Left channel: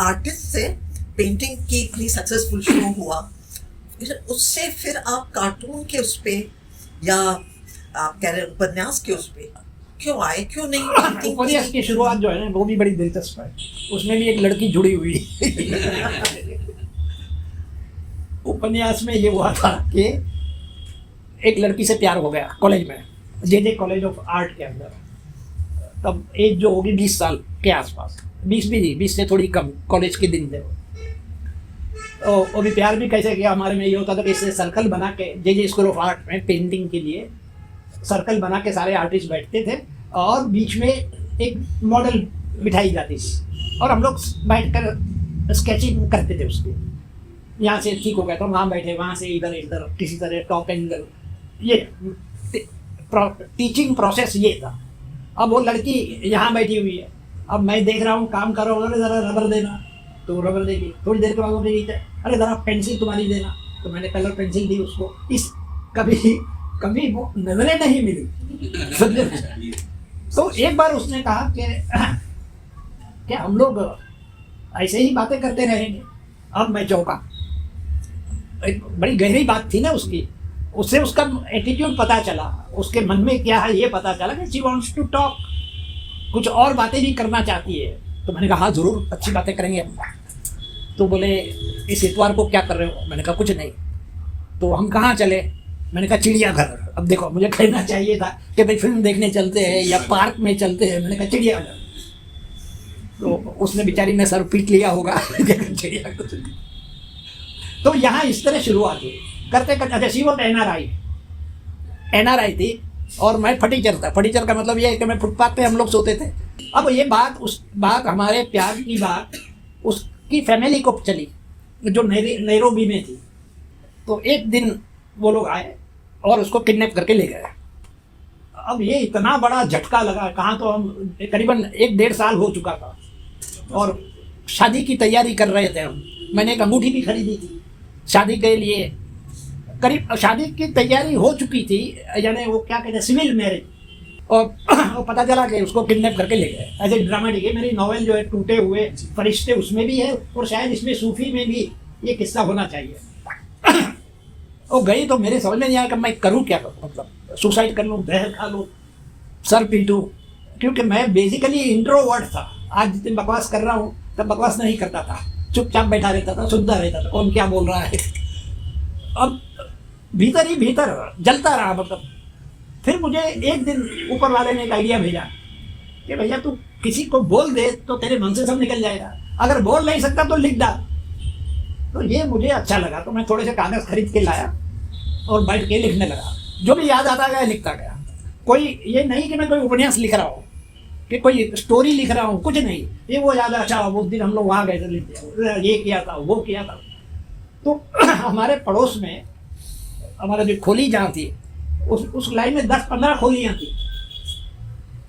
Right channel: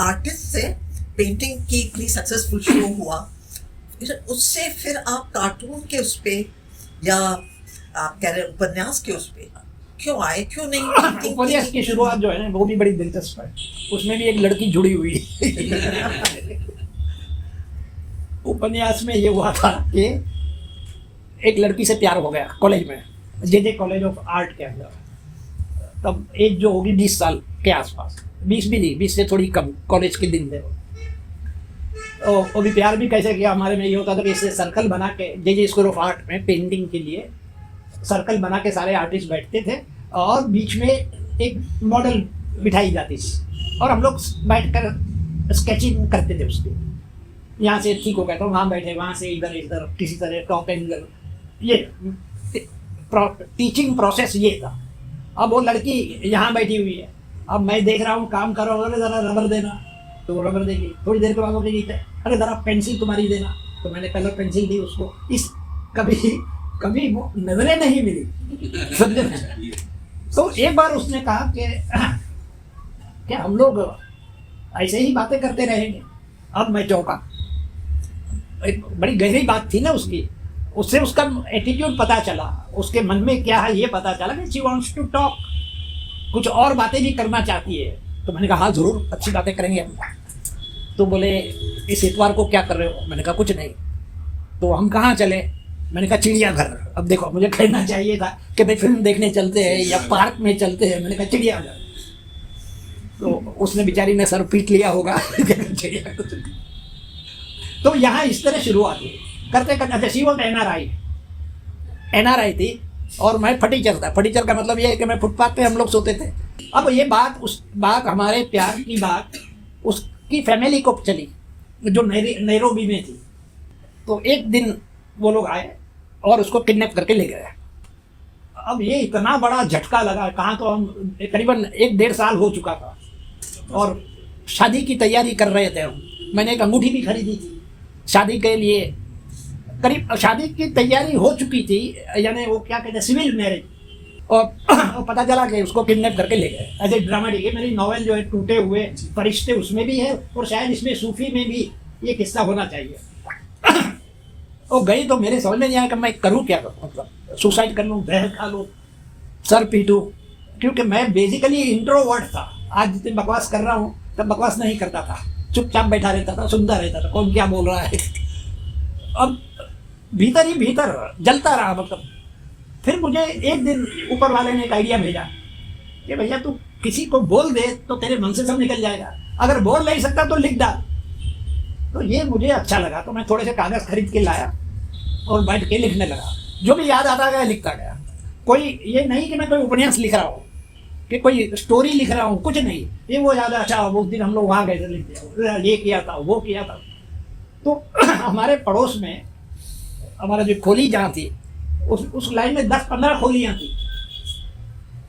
Artist से painting की इतनी सक्सेसफुल शुरू हुआ, फिर उससे फिर आप कार्टून के उस पे या आप कह रहे हैं उपन्यास के उस पे क्यों आए, क्यों नहीं पेंटिंग उपन्यास की शुरुआत जो है ना वो भी बड़ी दिलचस्प है। उसमें भी एक लड़की जुड़ी हुई है। उपन्यास में ये हुआ था कि एक लड़की से प्यार हो गया कॉलेज में, जे कॉलेज ऑफ आर्ट के अंदर। तब एज जो होगी 20 साल के आसपास, 20 भी नहीं, 20 से थोड़ी कम, कॉलेज के दिन थे। और वो भी प्यार भी कैसे किया, हमारे में ये होता था कि इससे सर्कल बना के, जे स्कूल ऑफ आर्ट में पेंटिंग के लिए सर्कल बना के सारे आर्टिस्ट बैठते थे और बीच में एक मॉडल बिठाई जाती थी और हम लोग बैठकर स्केचिंग करते थे उसकी। यहाँ से ठीक हो गया तो वहाँ बैठे, वहाँ से इधर इधर किसी तरह टॉप एंगल, ये टीचिंग प्रोसेस ये था। अब वो लड़की यहाँ बैठी हुई है, अब मैं देख रहा हूँ काम करो, अरे जरा रबर देना, तो वो रबर देगी। थोड़ी देर के बाद वो देगी, अरे जरा पेंसिल तुम्हारी देना, तो मैंने कलर पेंसिल दी उसको। इस कभी वो नजरें नहीं मिली। तो एक बार उसने कहा कि क्या हम लोग ऐसे ही बातें करते रहेंगे? अब मैं चौंका, एक बड़ी गहरी बात थी ना उसकी, उससे उसका एटीट्यूड पता चला, उसके मन में क्या है ये पता चला कि शी वांट्स टू टॉक, कुछ और बातें भी करना चाहती है। तो मैंने कहा हाँ जरूर अच्छी बातें करेंगे। तो बोले इस इतवार को क्या कर रहे हो? मैंने कहा कुछ नहीं। तो हम कहाँ चले? मैंने कहा चिड़ियाघर। अब देखो मुझे कहना चाहिए था कि भाई फिल्म देखने चलते हैं या पार्क में चलते हैं, मैंने कहा चिड़ियाघर। तो उसने बेचारी ने सर पीट लिया होगा। तो यहाँ इस तरह शुरुआत हुई, करते करते सी वो एनआरआई थी और मैं फटीचर था। फटीचर का मतलब ये है कि मैं फुटपाथ पे हम लोग सोते थे। अब ये बात हमारे प्यार की बात उसकी फैमिली को चली जो नैरोबी में थी। तो एक दिन वो लोग आए और उसको किडनैप करके ले गए। अब ये इतना बड़ा झटका लगा, कहाँ तो हम करीबन 1-1.5 साल हो चुका था और शादी की तैयारी कर रहे थे हम। मैंने एक अंगूठी भी खरीदी थी शादी के लिए, करीब शादी की तैयारी हो चुकी थी, यानी वो क्या कहते हैं सिविल मैरिज। और पता चला कि उसको किडनैप करके ले गए। ऐसे ड्रामेटिक है। मेरी नॉवेल जो है टूटे हुए फरिश्ते उसमें भी है और शायद इसमें सूफी में भी ये किस्सा होना चाहिए। और गई तो मेरे समझ में नहीं आया कि मैं करूँ क्या, मतलब सुसाइड कर लूँ, जहर खा लूँ, सर पीटूँ, क्योंकि मैं बेसिकली इंट्रोवर्ट था। आज जितनी बकवास कर रहा हूँ तब बकवास नहीं करता था, चुपचाप बैठा रहता था, सुनता रहता था कौन क्या बोल रहा है। और भीतर ही भीतर जलता रहा। मतलब फिर मुझे एक दिन ऊपर वाले ने एक आइडिया भेजा कि भैया तू किसी को बोल दे तो तेरे मन से सब निकल जाएगा, अगर बोल नहीं सकता तो लिख डाल। तो ये मुझे अच्छा लगा, तो मैं थोड़े से कागज खरीद के लाया और बैठ के लिखने लगा। जो भी याद आता गया लिखता गया। कोई ये नहीं कि मैं कोई उपन्यास लिख रहा हूँ कि कोई स्टोरी लिख रहा हूँ, कुछ नहीं। ये वो याद अच्छा उस दिन हम लोग वहाँ गए थे, लिख दिया, ये किया था, वो किया था। तो हमारे पड़ोस में हमारा जो खोली जहाँ थी उस लाइन में 10-15 खोलियाँ थी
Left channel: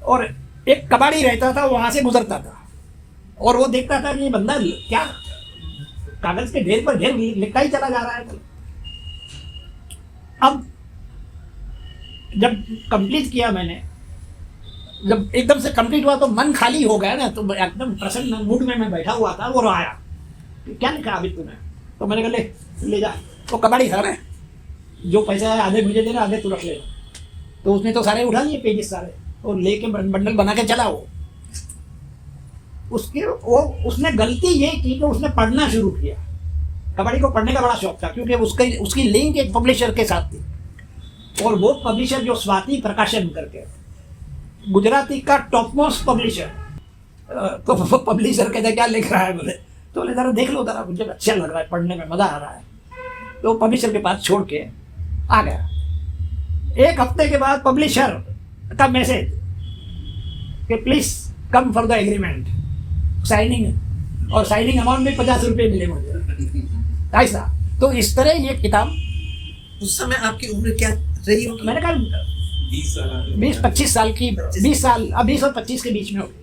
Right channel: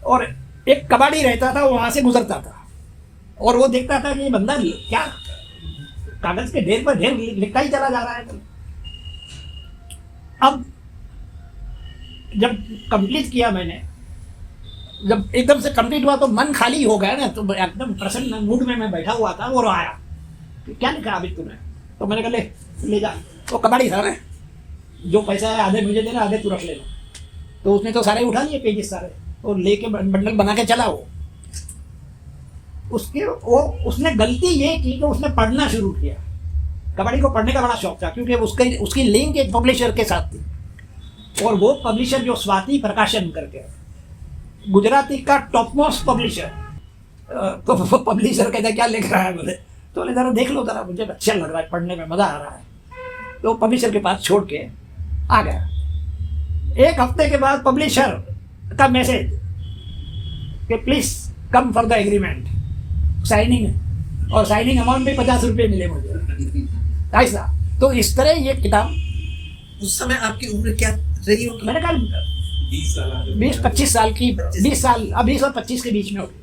और एक कबाड़ी रहता था, वहां से गुजरता था और वो देखता था कि ये बंदा क्या कागज के ढेर पर ढेर लिखता ही चला जा रहा है। अब जब कंप्लीट किया मैंने, जब एकदम से कंप्लीट हुआ तो मन खाली हो गया ना, तो एकदम प्रसन्न मूड में मैं बैठा हुआ था। वो आया, क्या लिखा अभी तूने? तो मैंने कहा ले जा, वो कबाड़ी था ना, जो पैसा है आधे मुझे देना, आधे तू रख लेना। तो उसने तो सारे उठा लिए पेजेस सारे और लेके बंडल बना के चला। उसने गलती ये की कि उसने पढ़ना शुरू किया। कबाड़ी को पढ़ने का बड़ा शौक था क्योंकि उसकी लिंक एक पब्लिशर के साथ थी और वो पब्लिशर जो स्वाति प्रकाशन करके गुजराती का टॉप मोस्ट पब्लिशर। तो वो पब्लिशर कहता क्या लिख रहा है बोले, तो बोले जरा देख लो जरा, मुझे अच्छा लग रहा है, पढ़ने में मजा आ रहा है। तो पब्लिशर के पास छोड़ के आ गया। 1 हफ्ते के बाद पब्लिशर का मैसेज कि please come for the agreement, signing, और साइनिंग अमाउंट में 50 रुपये मिले मुझे ऐसा। तो इस तरह ये किताब। उस समय आपकी उम्र क्या रही होगी? मैंने कहा 20-25 साल की, 20 साल, 20 और 25 के बीच में होगी।